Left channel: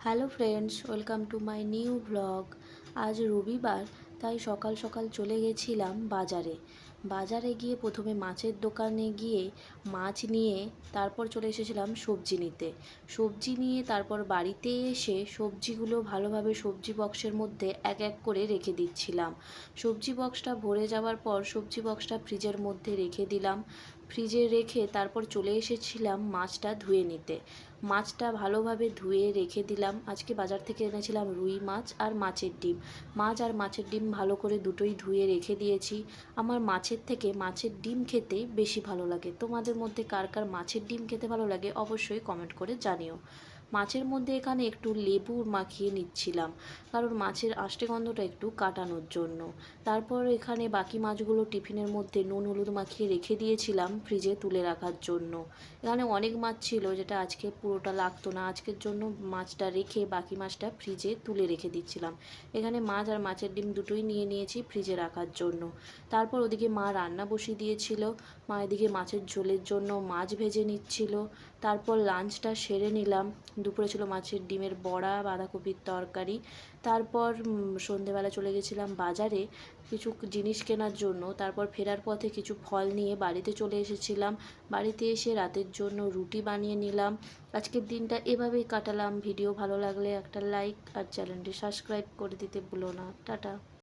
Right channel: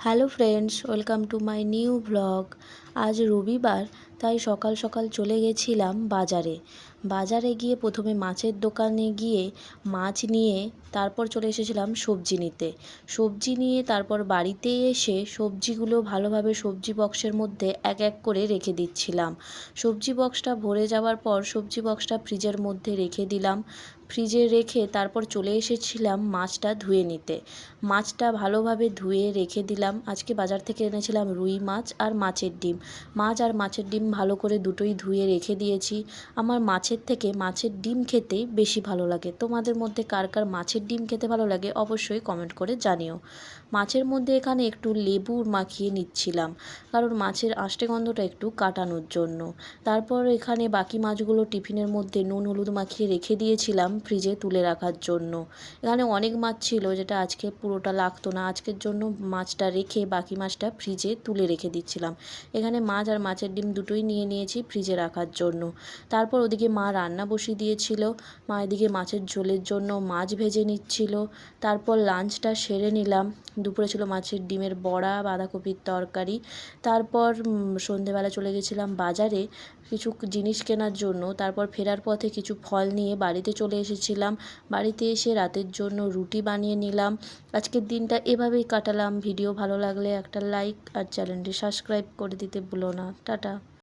Hello friends, welcome to my new blog. আজ রবিবার, তাই সকাল সকাল চলে গেছিলাম বাজারে। বাজারে গিয়ে প্রথমে মাছের দোকানে গিয়ে মাছ নিয়ে তারপর চলে এসেছিলাম সবজি নিতে। সবজি নিয়ে তারপর বাড়িতে এসে সবজিগুলো ভালোভাবে সবজি বক্সের মধ্যে এক এক করে রেখে দিচ্ছিলাম। সবজি বক্সটা ভরে যাওয়ার পর সবজি বক্সটা ফ্রিজের মধ্যে রেখে দিলাম। ফ্রিজে রেখে তারপর চলে এসেছিলাম মাছটা ধুয়ে নিতে। মাছটা ভালোভাবে ধুয়ে রেখে দিলাম। আজকে বাজার থেকে এনেছিলাম রুই মাছ আর মাছের ডিম। মাছ আর মাছের ডিম ভালো করে দুটোই ধুয়ে রেখে দিয়েছি। আমার মাছের থেকে মাছের ডিম খেতে বেশি ভালো লাগে। তোমাদের মধ্যে কার কার মাছের ডিম খেতে ভালো লাগে অবশ্যই কমেন্ট করে জানিও। মাছের মধ্যে এখানে একটু লেবু মাখিয়ে নিচ্ছিলাম, কারণ মাছের আষ্টে গন্ধটা একটু কাটানোর জন্য। তারপর এখানে বাকি মাছগুলো টিফিনের মধ্যে নুন হলুদ মাখিয়ে রেখে দিয়েছিলাম ফ্রিজে তুলে রাখার জন্য। এখানে অনেক মাছ ছিল যেটা আজকে পুরোটা লাগতো না, আজকের জন্য মাছটা রেখে বাকি মাছটা ফ্রিজে তুলে রেখে দিচ্ছিলাম। এখানে মাছ আর মাছের ডিম দুটোই নিয়ে নিয়েছি ফ্রিজে রাখার জন্য। তারপর ওদিকে মা রান্না বসিয়ে দিয়েছিল। মা এদিকে মাছের ঝোলের জন্য মাছ ভেজে নিচ্ছিল। তারপর লাঞ্চটা সেরে নিলাম। দুপুরে ছিল মাছের ডিমের বড়া, বাঁধাকপির তরকারি। তারপর সন্ধেবেলা চলে গেছিলাম বাজারে কিছু জিনিস কেনার জন্য। তারপর ফেরার পথে কিছু ফল নিয়ে বাড়িতে চলে এসেছিলাম। বাড়িতে এসে রাতের জন্য রুটি বানিয়ে নিলাম। আজকের দিনটা এভাবেই কাটালাম। ভিডিও ভালো লাগলে একটা লাইক আর চ্যানেলটি সাবস্ক্রাইব করে দিতে ভুলো না। টাটা।